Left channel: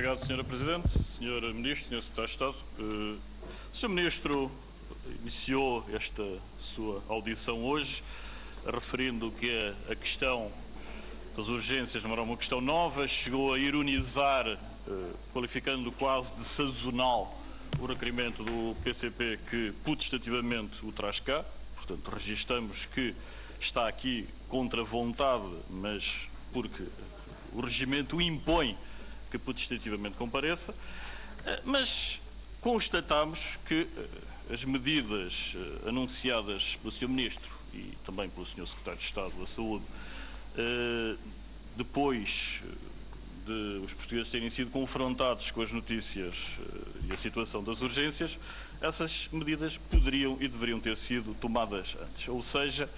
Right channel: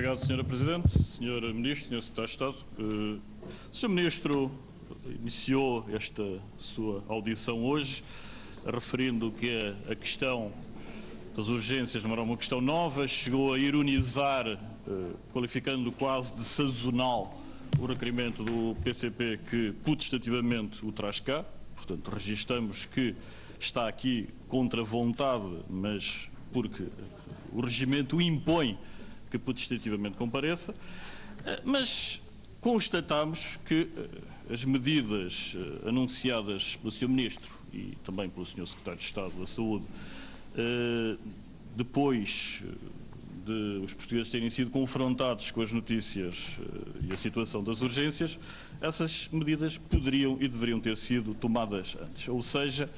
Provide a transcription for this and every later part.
obrigado, Sra. Presidente. Sr. Ministro, Sr. Secretário de Estado, o Sr. Ministro iniciou esta sua audição hoje referindo que a questão das urgências não era uma questão nova, chegou a ironizar, qualificando quase de sazonal o requerimento do PCP que putestativamente o traz cá. Portanto, registamos que está aqui contra vontade, mas porque o regimento o impõe que putestativamente compareça, mas constatamos que as medidas anunciadas pelo Sr. Ministro e também pelo Sr. Secretário de Estado da Saúde, depois de os portugueses terem sido confrontados com as notícias e a situação das urgências, essas medidas poderiam e deveriam ter sido tomadas antes. Ou seja,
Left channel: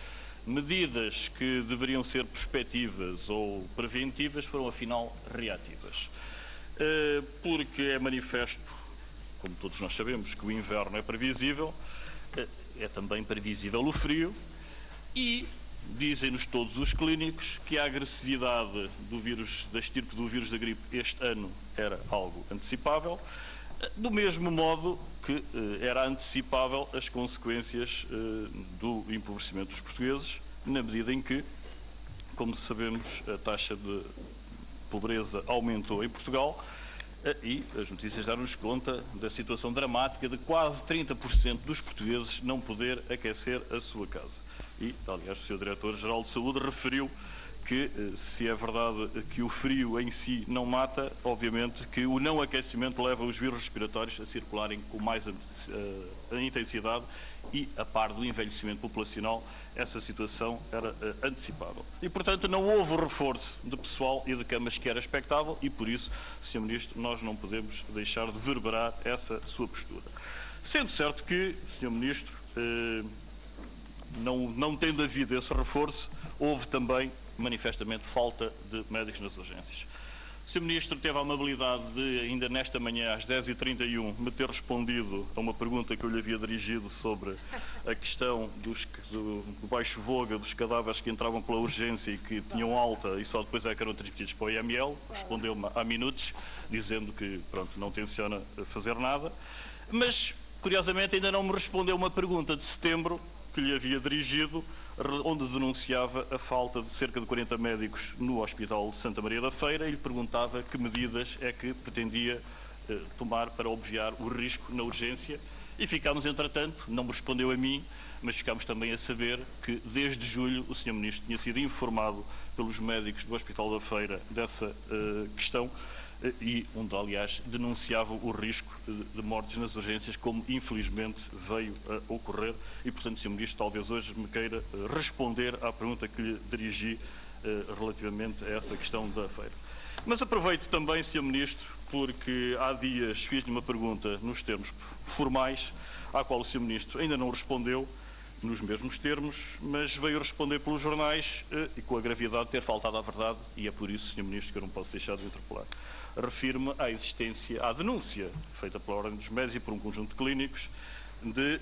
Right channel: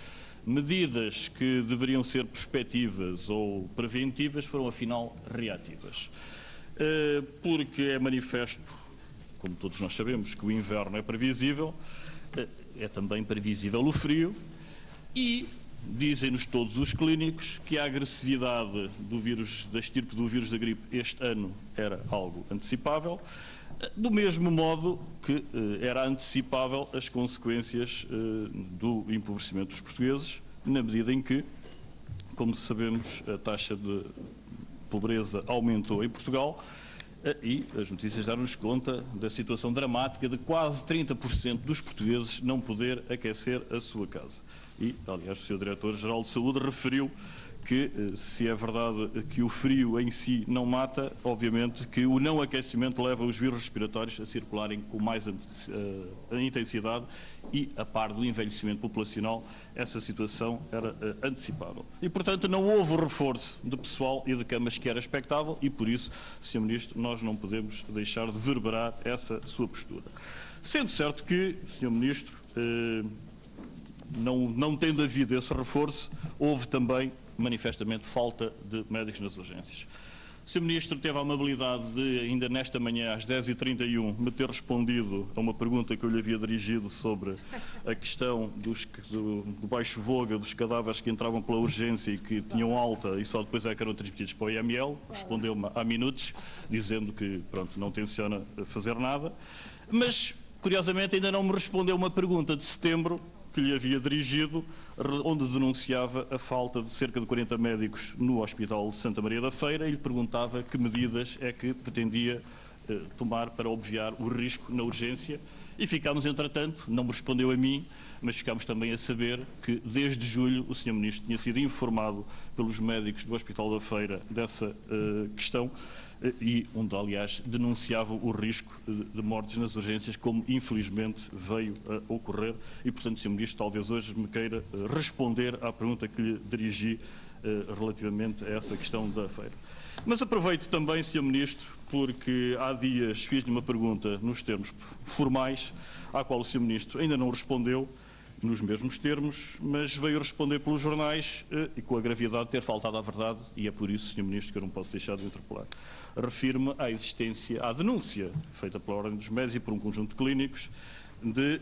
medidas que deveriam ser prospectivas ou preventivas foram, afinal, reativas. Porque é manifesto, como todos nós sabemos, que o inverno é previsível, é também previsível o frio e dizem-nos todos os clínicos que a agressividade do vírus, da estirpe do vírus da gripe este ano era algo antecipável, do mesmo modo que era antecipável as consequências do empobrecimento dos portugueses, na medida em que, como sabemos, a taxa de pobreza aumentou em Portugal e as notícias deram-nos conta da situação dramática de quase 30% dos portugueses não poder aquecer a sua casa. E, aliás, o Sr. Diretor-Geral de Saúde referiu que, se é verdade que o frio em si não mata, obviamente que o não aquecimento leva os vírus respiratórios a circularem com mais intensidade e, a par do envelhecimento populacional, essa situação era antecipável. E, portanto, não houve o reforço de pessoal e de camas que era expectável e, por isso, Sr. Ministro, nós não podemos deixar de verberar essa sua postura. Sendo certo que, Sr. Ministro, não tendo havido esse reforço, houve também manifestamente falta de médicos nas urgências. O Sr. Ministro teve a amabilidade de, ainda nesta manhã, às 10h31, me ter respondido a uma pergunta que eu lhe havia dirigido sobre a questão do baixo voga dos cadáveres que entravam pela urgência e que tinham alta e só depois é que eram transmitidos para o IML. Respondeu-me há minutos, dizendo que, pronto, não tenciona fazer nada. Mas, curiosamente, ainda não me respondeu uma pergunta de setembro que lhe havia dirigido, onde denunciava a falta de cerca de 40 médicos no Hospital de Santa Maria da Feira e lhe perguntava que medidas é que pretendia tomar para obviar o risco na urgência. E ficámos, entretanto, não me respondeu a mim, mas ficámos também a saber que desde julho o Sr. Ministro tinha sido informado pelos médicos do Hospital da Feira dessa questão e onde, aliás, denunciavam o risco de mortes nas urgências, como infelizmente veio a ocorrer. E, portanto, Sr. Ministro, talvez hoje me queira responder à pergunta que lhe dirigi relativamente a essa questão da feira. Mas aproveito também, Sr. Ministro, porque há dias fiz-lhe uma pergunta nos termos formais, à qual o Sr. Ministro ainda não respondeu nos mesmos termos, mas veio responder pelos jornais e com a gravidade de ter faltado à verdade, e é por isso, Sr. Ministro, que eu não posso deixar de o interpelar. Refiro-me à existência, à denúncia feita pela Ordem dos Médicos e por um conjunto de clínicos de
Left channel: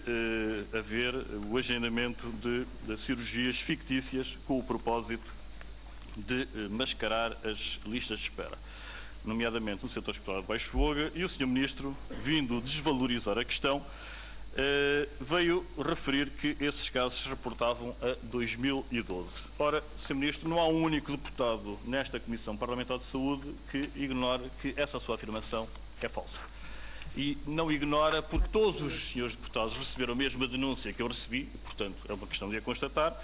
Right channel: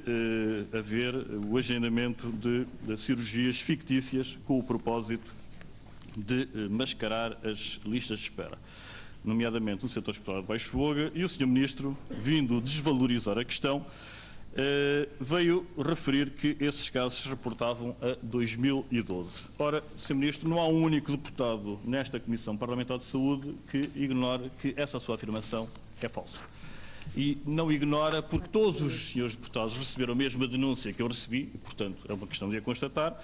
haver o agendamento de cirurgias fictícias com o propósito de mascarar as listas de espera, nomeadamente no setor hospitalar de baixo voga, e o Sr. Ministro, vindo desvalorizar a questão, veio referir que esses casos se reportavam a 2012. Ora, Sr. Ministro, não há um único deputado nesta Comissão Parlamentar de Saúde que ignore que essa sua afirmação é falsa. E não ignora porque todos os senhores deputados receberam a mesma denúncia que eu recebi, e, portanto, é uma questão de a constatar,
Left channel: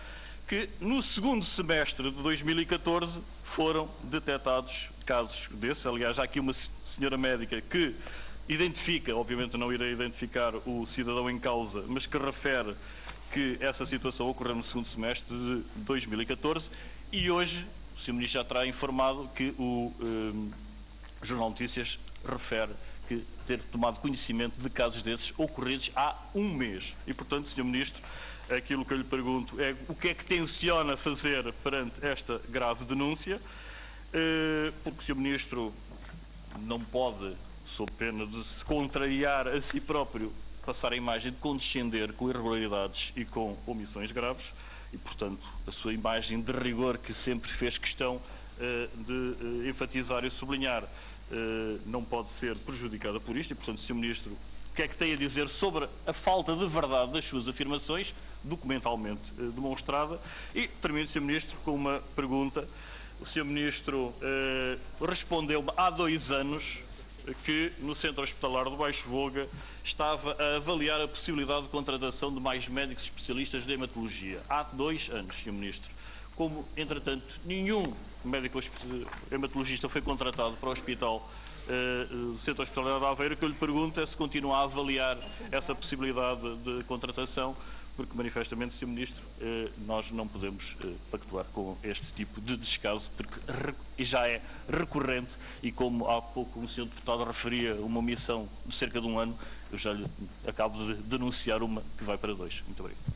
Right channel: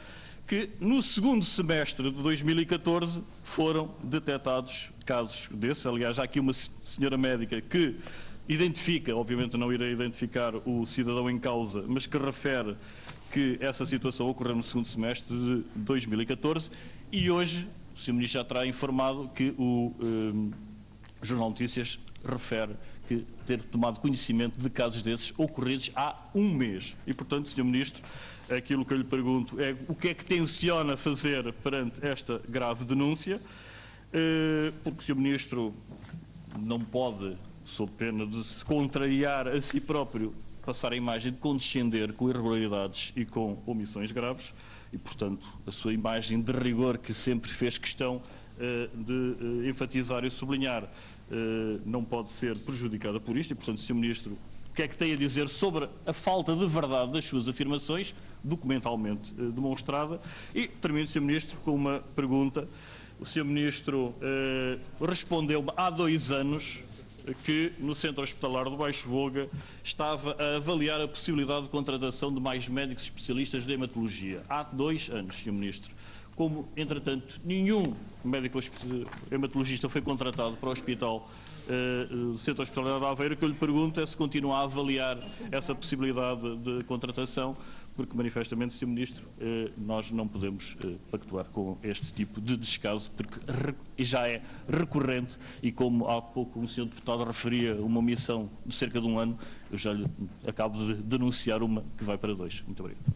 que no segundo semestre de 2014 foram detectados casos desses. Aliás, há aqui uma senhora médica que identifica, obviamente não irei identificar o cidadão em causa, mas que refere que essa situação ocorreu no segundo semestre de 2014 e hoje o Sr. Ministro já terá informado que o Jornal de Notícias refere que ter tomado conhecimento de casos desses ocorridos há um mês. E, portanto, Sr. Ministro, aquilo que eu lhe pergunto é o que é que tenciona fazer perante esta grave denúncia, porque o Sr. Ministro não pode, sob pena de se contrariar a si próprio, passar a imagem de condescender com irregularidades e com omissões graves e, portanto, a sua imagem de rigor que sempre fez questão de enfatizar e sublinhar, não pode ser prejudicada por isto e, portanto, Sr. Ministro, o que é que tem a dizer sobre a falta de verdade das suas afirmações, documentalmente demonstrada? E termino, Sr. Ministro, com uma pergunta. O Sr. Ministro respondeu-me há 2 anos que no Centro Hospitalar do Baixo Voga estava a avaliar a possibilidade de contratação de mais médicos especialistas de hematologia. Há 2 anos, Sr. Ministro. Como, entretanto, nenhum médico hematologista foi contratado para o Hospital Centro Hospitalar de Aveiro, o que eu lhe pergunto é se continua a avaliar essa possibilidade de contratação, porque manifestamente, Sr. Ministro, nós não podemos pactuar com este tipo de descaso, porque já é recorrente e, como há pouco o Sr. Deputado referia uma omissão de cerca de 1 ano, eu já lhe acabo de denunciar uma que vai para 2. Muito obrigado.